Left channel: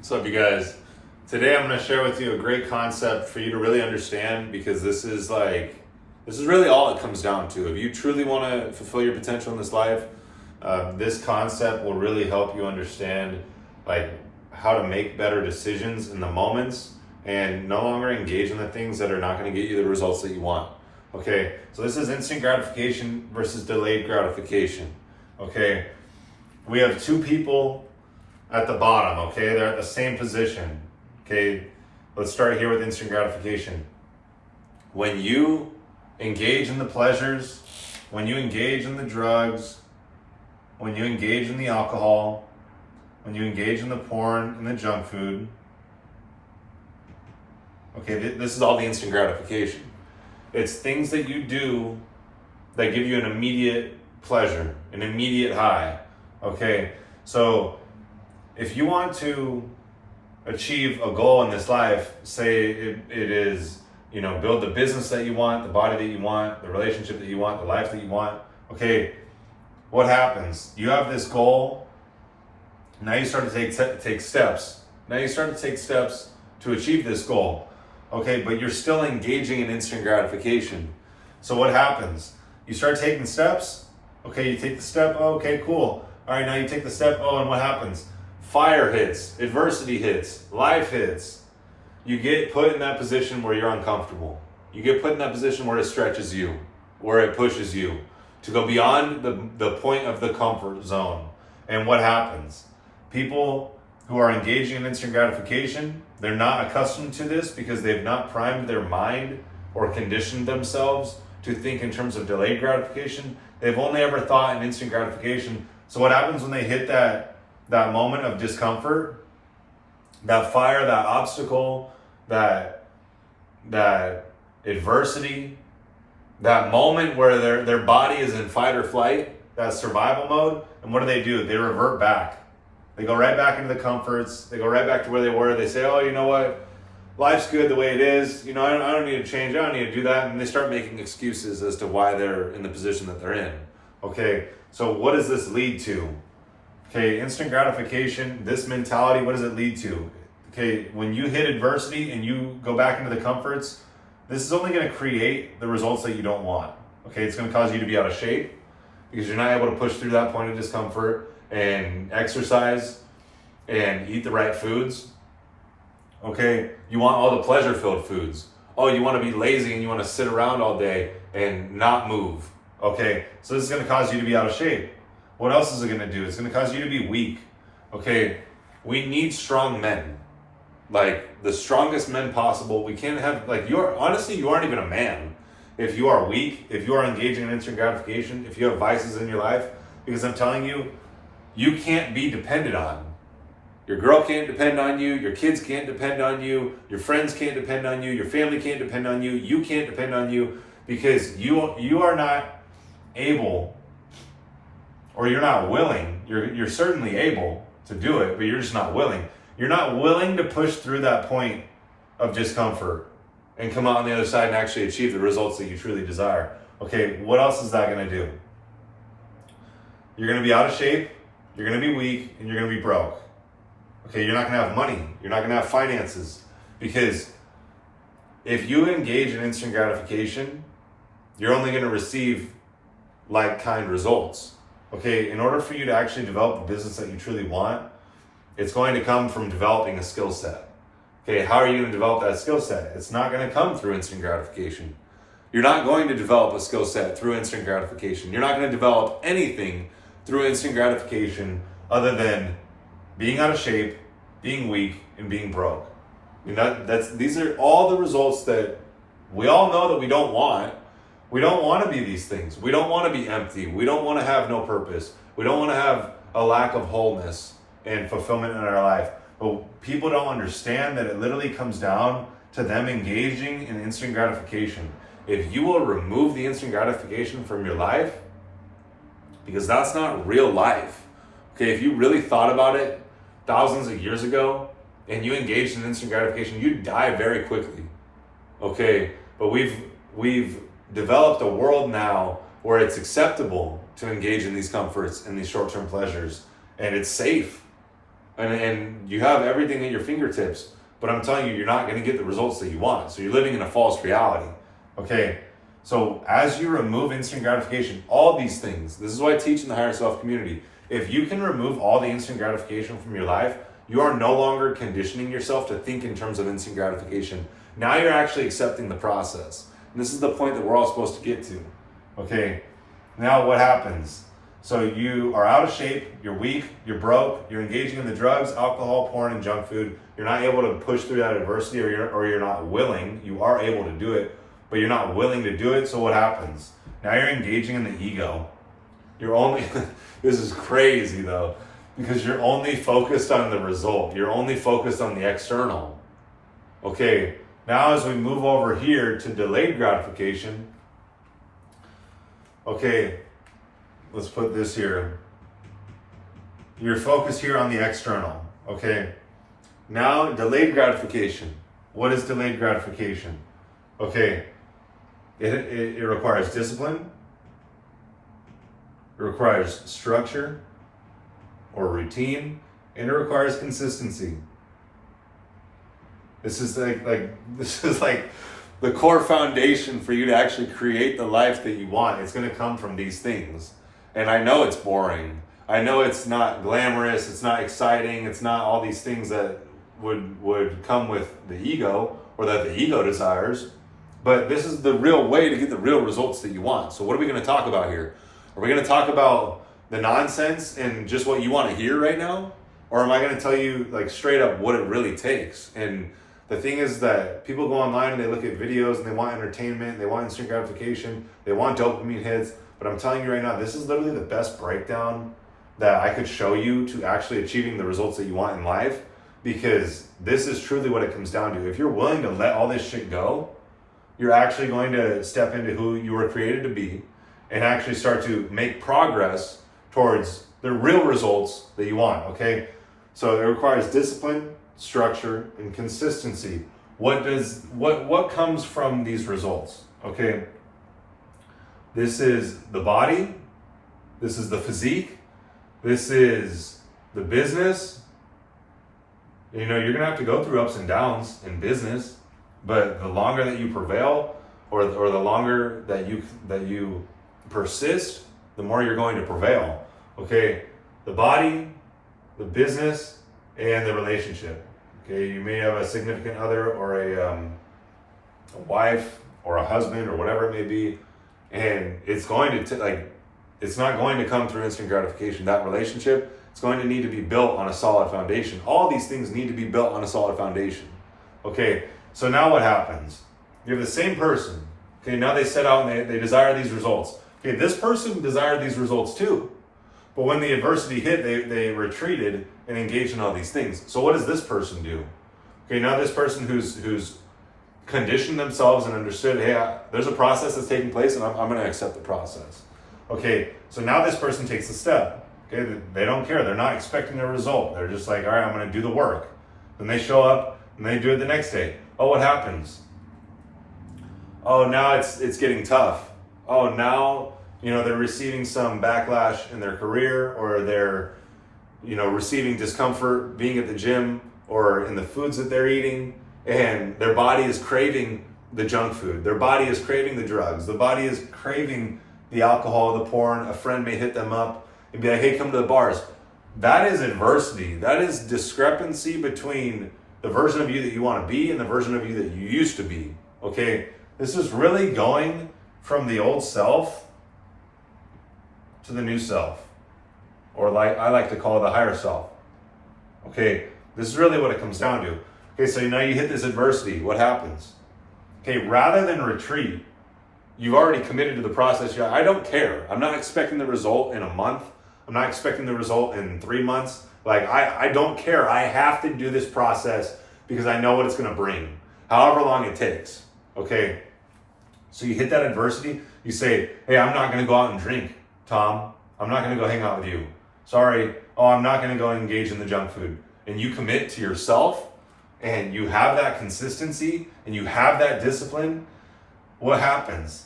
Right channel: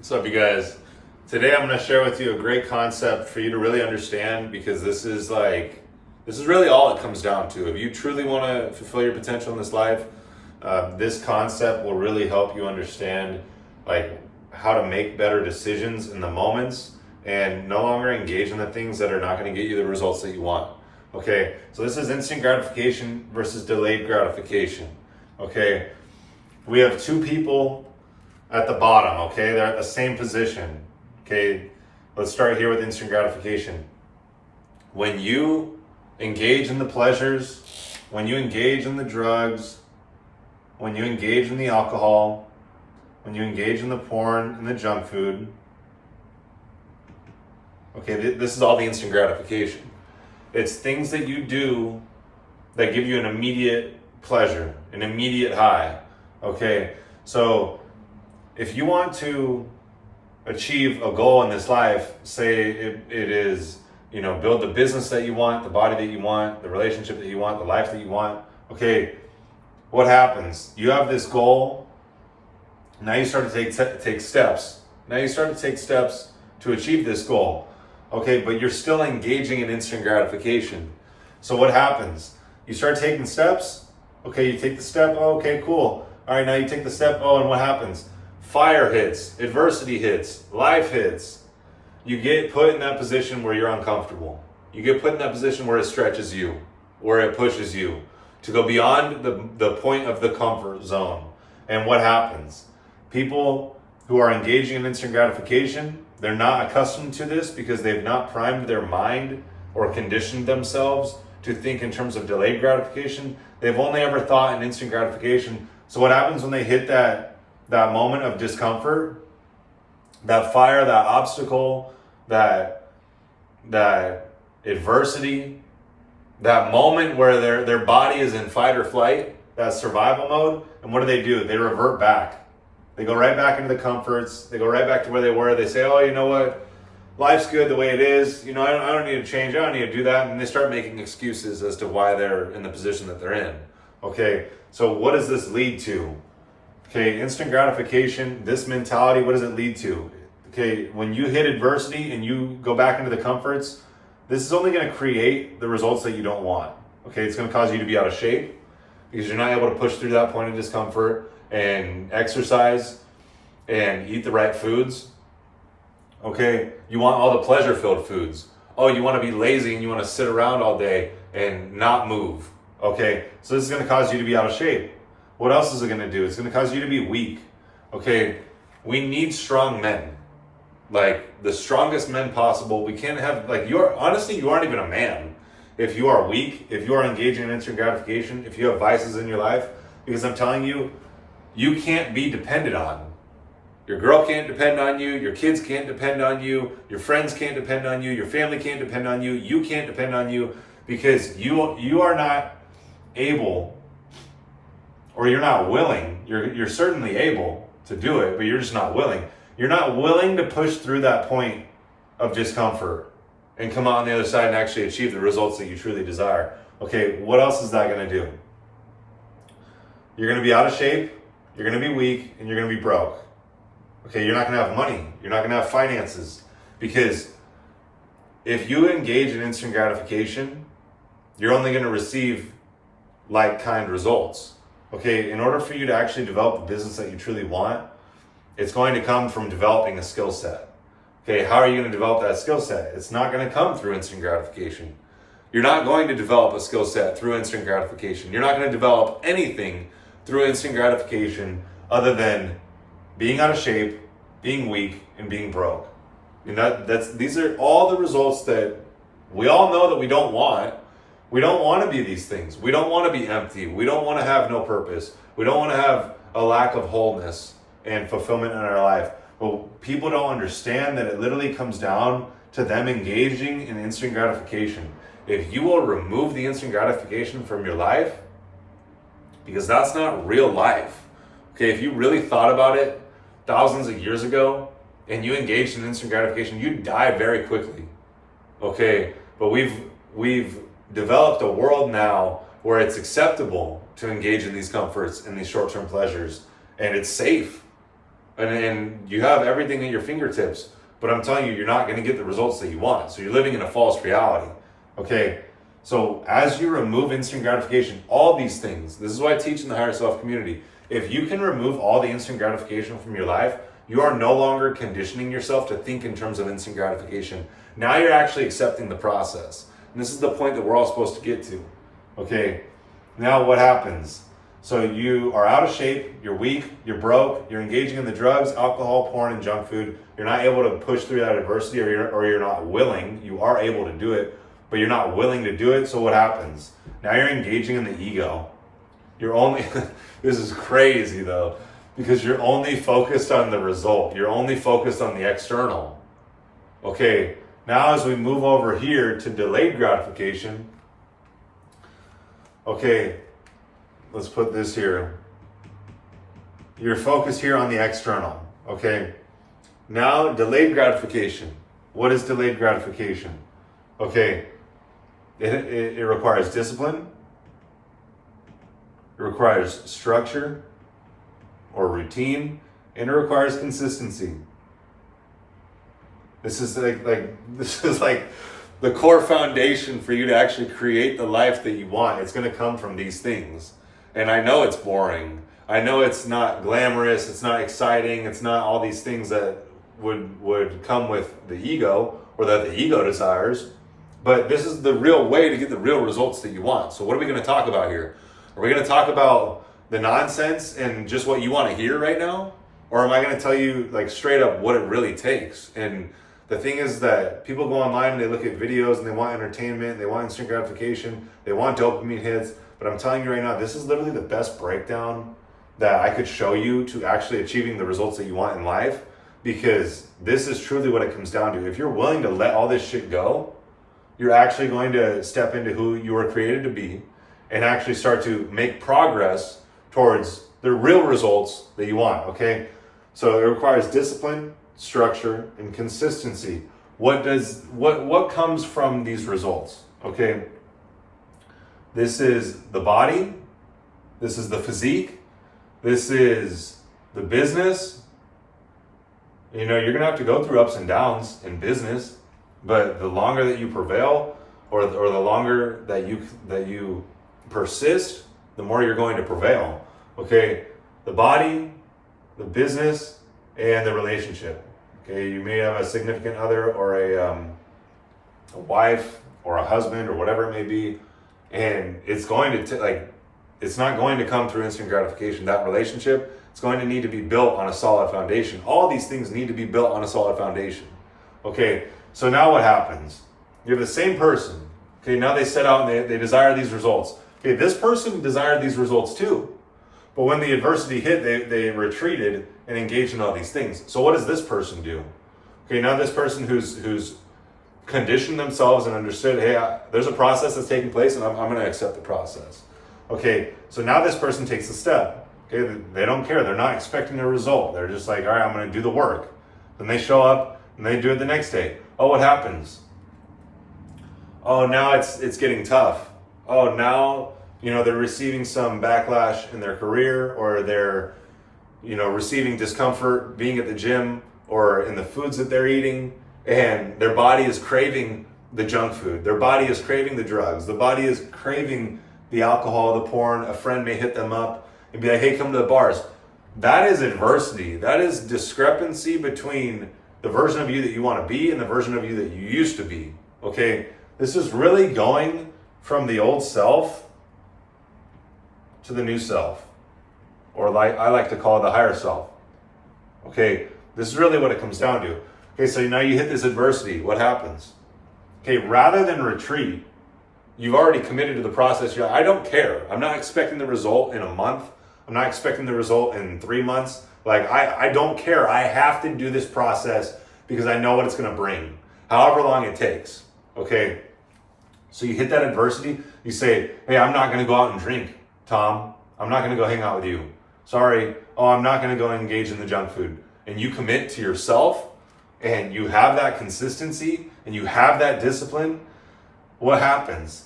What's up, you guys? Today I'm going to share with you a great concept for you to really understand, because this is really all it comes down to. If you truly want to fulfill your potential in this life, this concept will really help you understand how to make better decisions in the moments and no longer engage in the things that are not going to get you the results that you want. Okay, so this is instant gratification versus delayed gratification. Okay, we have two people at the bottom, okay? They're at the same position, okay? Let's start here with instant gratification. When you engage in the pleasures, when you engage in the drugs, when you engage in the alcohol, when you engage in the porn and the junk food, okay, this is all the instant gratification. It's things that you do that give you an immediate pleasure, an immediate high, okay? So if you want to achieve a goal in this life, say it is, build the business that you want, the body that you want, the relationship that you want, the life that you want, okay, what happens? You have this goal, now you start to take steps. Now you start to take steps to achieve this goal, okay, but you're still engaging in instant gratification. So what happens? You start taking steps, okay, you take the step, oh, okay, cool. All right, now you take the step, oh, and what happens? Fire hits, adversity hits, life hits. You get put in that position where you're uncomfortable. You get put in that position where it stretches you, where it pushes you to go beyond the point of the comfort zone. And what happens? People who are engaging in instant gratification, they're not accustomed to this because they've not primed their mind or conditioned themselves to think in terms of delayed gratification. They've only ever thought in instant gratification. So what happens when they hit that moment of discomfort, that fire, that obstacle, that adversity, that moment where their body is in fight or flight, that survival mode, and what do? They revert back. They go right back into the comforts. They go right back to where they were. They say, oh, you know what? Life's good the way it is. I don't need to change. I don't need to do that. And they start making excuses as to why they're in the position that they're in. Okay, so what does this lead to? Okay, instant gratification, this mentality, what does it lead to? Okay, when you hit adversity and you go back into the comforts, this is only going to create the results that you don't want. Okay, it's going to cause you to be out of shape because you're not able to push through that point of discomfort and exercise and eat the right foods. Okay, you want all the pleasure-filled foods. Oh, you want to be lazy and you want to sit around all day and not move. Okay, so this is going to cause you to be out of shape. What else is it going to do? It's going to cause you to be weak. Okay, we need strong men. Like the strongest men possible. We can't have, you aren't even a man if you are weak, if you are engaging in instant gratification, if you have vices in your life, because I'm telling you, you can't be depended on. Your girl can't depend on you, your kids can't depend on you, your friends can't depend on you, your family can't depend on you, you can't depend on you because you are not able, or you're not willing. You're certainly able to do it, but you're just not willing. You're not willing to push through that point of discomfort and come out on the other side and actually achieve the results that you truly desire. Okay, what else is that going to do? You're going to be out of shape, you're going to be weak, and you're going to be broke. Okay, you're not going to have money. You're not going to have finances. Because if you engage in instant gratification, you're only going to receive like-kind results. Okay, in order for you to actually develop the business that you truly want, it's going to come from developing a skill set. Okay, how are you going to develop that skill set? It's not going to come through instant gratification. You're not going to develop a skill set through instant gratification. You're not going to develop anything through instant gratification other than being out of shape, being weak, and being broke. These are all the results that we all know that we don't want. We don't want to be these things. We don't want to be empty. We don't want to have no purpose. We don't want to have a lack of wholeness and fulfillment in our life. But people don't understand that it literally comes down to them engaging in instant gratification. If you will remove the instant gratification from your life, because that's not real life. Okay, if you really thought about it thousands of years ago and you engaged in instant gratification, you'd die very quickly. Okay, but we've developed a world now where it's acceptable to engage in these comforts and these short-term pleasures, and it's safe. and you have everything at your fingertips. But I'm telling you, you're not going to get the results that you want. So you're living in a false reality. Okay. So as you remove instant gratification, all these things, this is what I teach in the Higher Self community. If you can remove all the instant gratification from your life, you are no longer conditioning yourself to think in terms of instant gratification. Now you're actually accepting the process. And this is the point that we're all supposed to get to. Okay, now what happens? So you are out of shape, you're weak, you're broke, you're engaging in the drugs, alcohol, porn, and junk food. You're not able to push through that adversity, or you're not willing. You are able to do it, but you're not willing to do it. So what happens? Now you're engaging in the ego. You're only, this is crazy though, because you're only focused on the result. You're only focused on the external. Okay, now as we move over here to delayed gratification, okay, let's put this here. You're focused here on the external, okay? Now, delayed gratification. What is delayed gratification? Okay, it requires discipline. It requires structure or routine, and it requires consistency. This is like the core foundation for you to actually create the life that you want. It's going to come from these things. And I know it's boring. I know it's not glamorous. It's not exciting. It's not all these things that would come with the ego, or that the ego desires. But this is the real way to get the real results that you want. So what are we going to talk about here? Are we going to talk about the nonsense and just what you want to hear right now? Or am I going to tell you like straight up what it really takes? And the thing is that people go online and they look at videos and they want entertainment, they want instant gratification, they want dopamine hits. But I'm telling you right now, this is literally the best breakdown that I could show you to actually achieving the results that you want in life, because this is truly what it comes down to. If you're willing to let all this shit go, you're actually going to step into who you were created to be and actually start to make progress towards the real results that you want, okay? So it requires discipline, structure, and consistency. What comes from these results? Okay. This is the body, this is the physique, this is the business. You know, you're gonna have to go through ups and downs in business, but the longer that you prevail, or the longer that you persist, the more you're going to prevail. Okay, the body, the business, and the relationship. Okay, you may have a significant other, or a wife, or a husband, or whatever it may be. And it's going to it's not going to come through instant gratification. That relationship, it's going to need to be built on a solid foundation. All these things need to be built on a solid foundation. Okay, so now what happens? You have the same person. Okay, now they set out and they desire these results. Okay, this person desired these results too. But when the adversity hit, they retreated and engaged in all these things. So what does this person do? Okay, now this person who's conditioned themselves and understood, hey, there's a process that's taking place, and I'm going to accept the process. Okay, so now this person takes the step. Okay, they don't care. They're not expecting a result. They're just like, all right, I'm going to do the work. Then they show up and they do it the next day. Oh, what happens? Oh, now it's getting tough. Oh, now, they're receiving some backlash in their career, or they're, receiving discomfort being at the gym or in the foods that they're eating. And their body is craving the junk food. Their body is craving the drugs. The body is craving the alcohol, the porn. A friend may hit them up and be like, hey, come to the bars. That is adversity. That is discrepancy between the version of you that you want to be and the version of you that you used to be. Okay, this is really going from the old self to the new self. Or like I like to call it the higher self. Okay, this is really what it comes down to. Okay, so now you hit this adversity. What happens? Okay, rather than retreat, you've already committed to the process. I don't care. I'm not expecting the result in a month. I'm not expecting the result in 3 months. I don't care. I have to do this process because I know what it's going to bring, however long it takes. Okay, so you hit that adversity. You say, hey, I'm not going to go out and drink, Tom. I'm not going to go hang out with you. Sorry. Oh, I'm not going to go engage in the junk food. And you commit to yourself, and you have that consistency, and you have that discipline. What happens?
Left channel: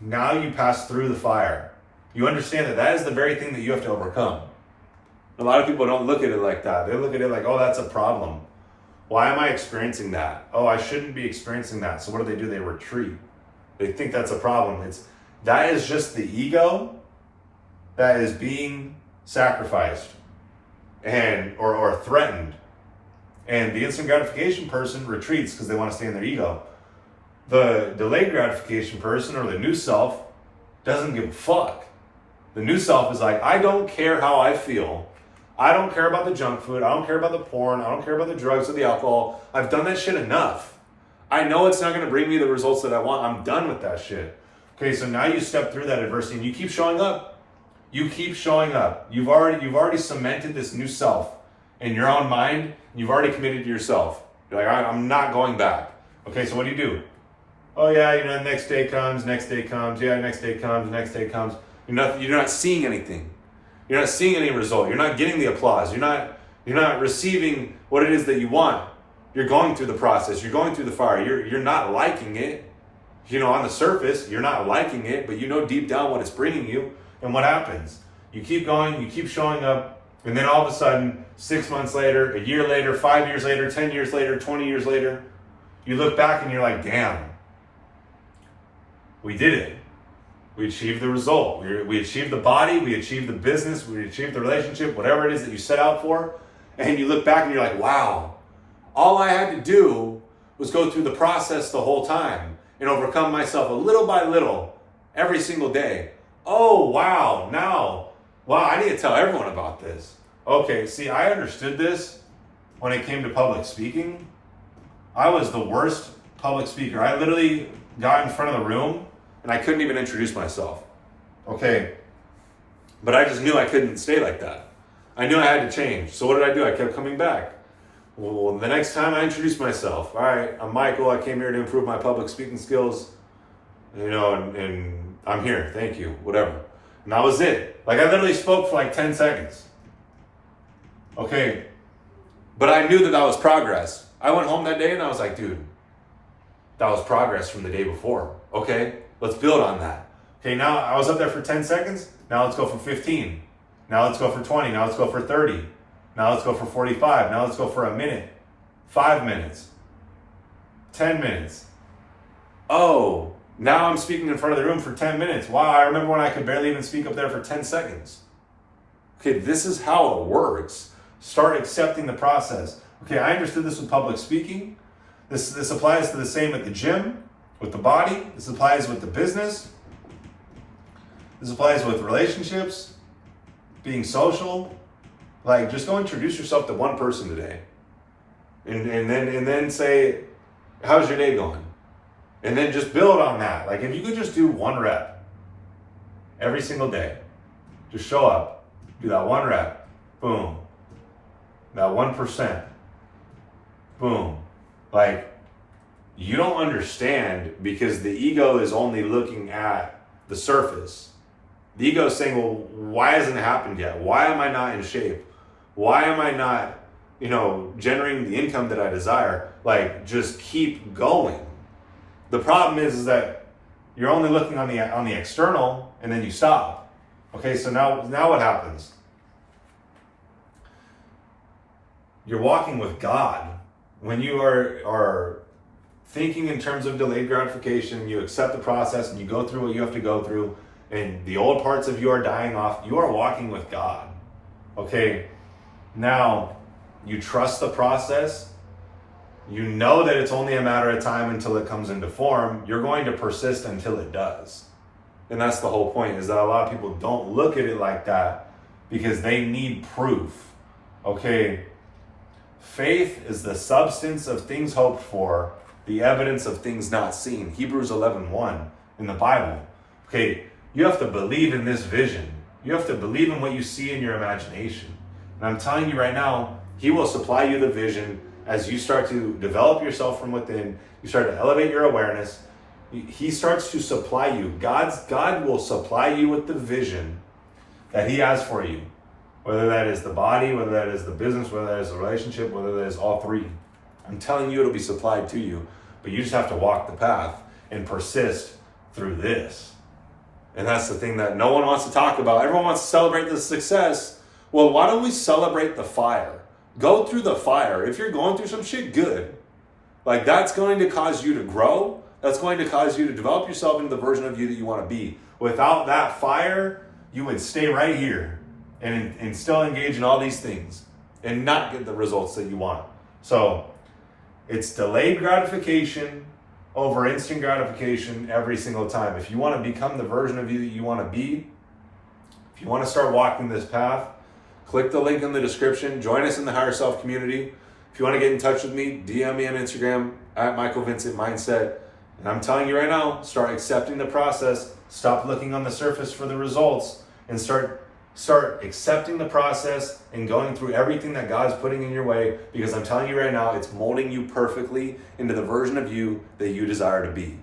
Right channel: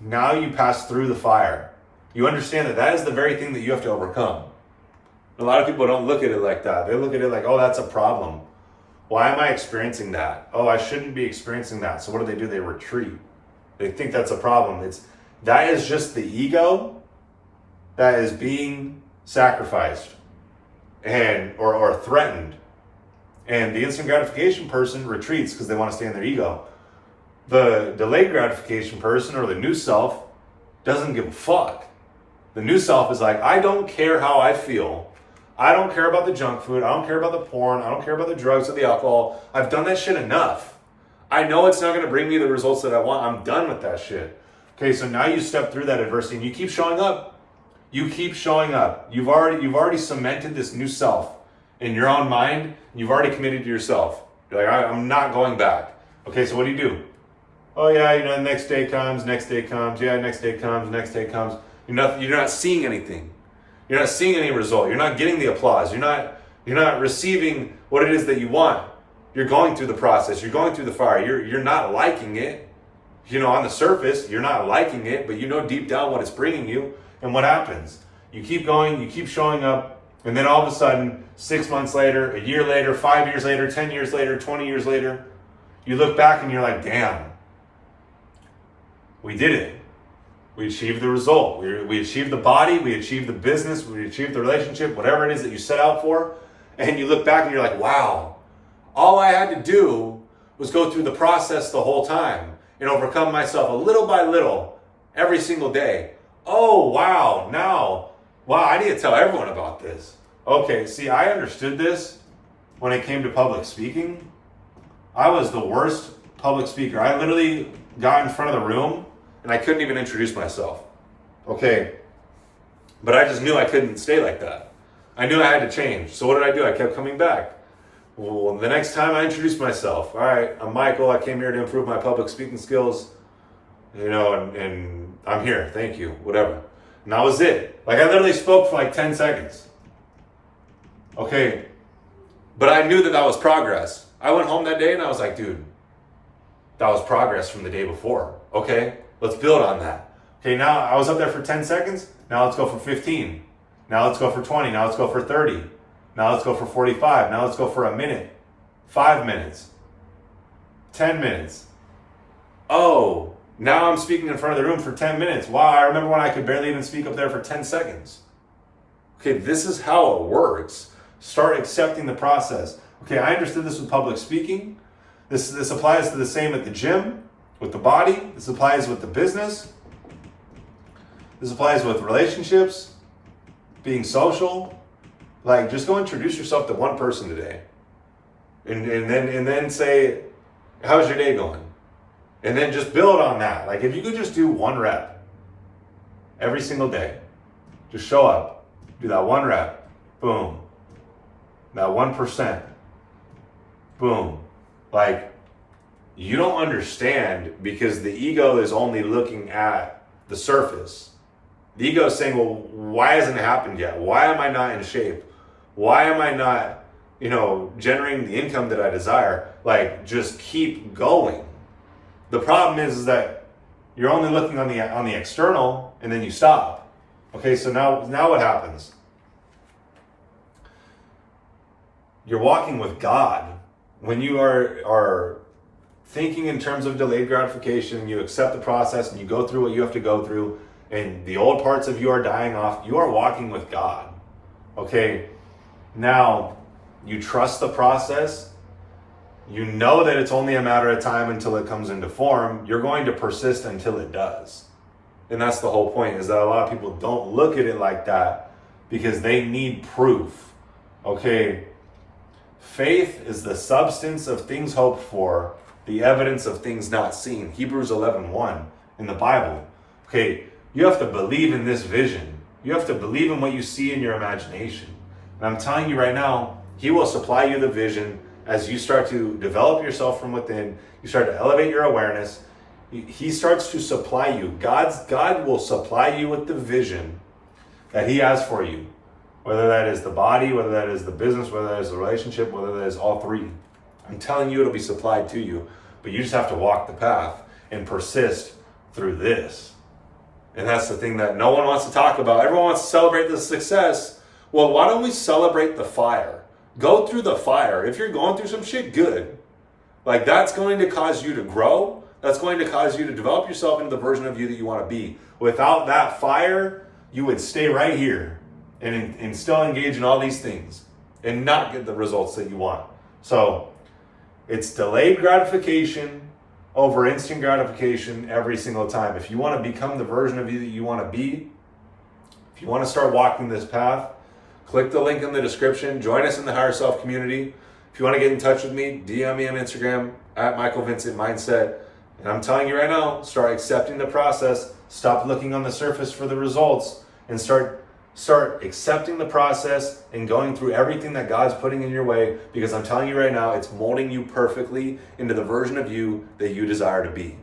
Now you pass through the fire. You understand that is the very thing that you have to overcome. A lot of people don't look at it like that. They look at it like, oh, that's a problem. Why am I experiencing that? Oh, I shouldn't be experiencing that. So what do? They retreat. They think that's a problem. That is just the ego that is being sacrificed and or threatened. And the instant gratification person retreats because they want to stay in their ego. The delayed gratification person or the new self doesn't give a fuck. The new self is like, I don't care how I feel. I don't care about the junk food. I don't care about the porn. I don't care about the drugs or the alcohol. I've done that shit enough. I know it's not going to bring me the results that I want. I'm done with that shit. Okay, so now you step through that adversity and you keep showing up. You keep showing up. You've already cemented this new self in your own mind. And you've already committed to yourself. You're like, I'm not going back. Okay, so what do? Oh yeah, the next day comes. Yeah, next day comes. You're not seeing anything. You're not seeing any result. You're not getting the applause. You're not receiving what it is that you want. You're going through the process. You're going through the fire. You're not liking it. On the surface, you're not liking it, but you know deep down what it's bringing you. And what happens? You keep going, you keep showing up, and then all of a sudden, 6 months later, a year later, 5 years later, 10 years later, 20 years later, you look back and you're like, damn, we did it. We achieved the result. We achieved the body. We achieved the business. We achieved the relationship, whatever it is that you set out for. And you look back and you're like, wow, all I had to do was go through the process the whole time and overcome myself a little by little every single day. Oh, wow. I need to tell everyone about this. Okay, see, I understood this when it came to public speaking. I was the worst public speaker. I literally got in front of the room and I couldn't even introduce myself. Okay. But I just knew I couldn't stay like that. I knew I had to change. So what did I do? I kept coming back. Well, the next time I introduced myself, all right, I'm Michael. I came here to improve my public speaking skills, and I'm here. Thank you, whatever. And that was it. Like I literally spoke for like 10 seconds. Okay. But I knew that was progress. I went home that day and I was like, dude, that was progress from the day before. Okay. Let's build on that. Okay, now I was up there for 10 seconds. Now let's go for 15. Now let's go for 20. Now let's go for 30. Now let's go for 45. Now let's go for a minute. 5 minutes. 10 minutes. Oh, now I'm speaking in front of the room for 10 minutes. Wow, I remember when I could barely even speak up there for 10 seconds. Okay, this is how it works. Start accepting the process. Okay, I understood this with public speaking. This applies to the same at the gym. With the body, this applies with the business. This applies with relationships, being social. Like, just go introduce yourself to one person today, and then say, "How's your day going?" And then just build on that. Like, if you could just do 1 rep every single day, just show up, do that 1 rep, boom, that 1%, boom, like. You don't understand because the ego is only looking at the surface. The ego is saying, well, why hasn't it happened yet? Why am I not in shape? Why am I not, generating the income that I desire? Like, just keep going. The problem is that you're only looking on the external and then you stop. Okay, so now what happens? You're walking with God. When you are thinking in terms of delayed gratification, you accept the process and you go through what you have to go through, and the old parts of you are dying off, you are walking with God. Okay, now you trust the process. You know that it's only a matter of time until it comes into form. You're going to persist until it does. And that's the whole point, is that a lot of people don't look at it like that because they need proof. Okay, faith is the substance of things hoped for, the evidence of things not seen. Hebrews 11:1 in the Bible. Okay, you have to believe in this vision. You have to believe in what you see in your imagination. And I'm telling you right now, He will supply you the vision as you start to develop yourself from within. You start to elevate your awareness. He starts to supply you. God will supply you with the vision that He has for you. Whether that is the body, whether that is the business, whether that is the relationship, whether that is all three. I'm telling you, it'll be supplied to you, but you just have to walk the path and persist through this. And that's the thing that no one wants to talk about. Everyone wants to celebrate the success. Well, why don't we celebrate the fire? Go through the fire. If you're going through some shit, good. Like, that's going to cause you to grow. That's going to cause you to develop yourself into the version of you that you want to be. Without that fire, you would stay right here and still engage in all these things and not get the results that you want. So it's delayed gratification over instant gratification every single time. If you want to become the version of you that you want to be, if you want to start walking this path, click the link in the description. Join us in the Higher Self community. If you want to get in touch with me, DM me on Instagram at Michael Vincent Mindset. And I'm telling you right now, start accepting the process. Stop looking on the surface for the results and start accepting the process and going through everything that God's putting in your way, because I'm telling you right now, it's molding you perfectly into the version of you that you desire to be.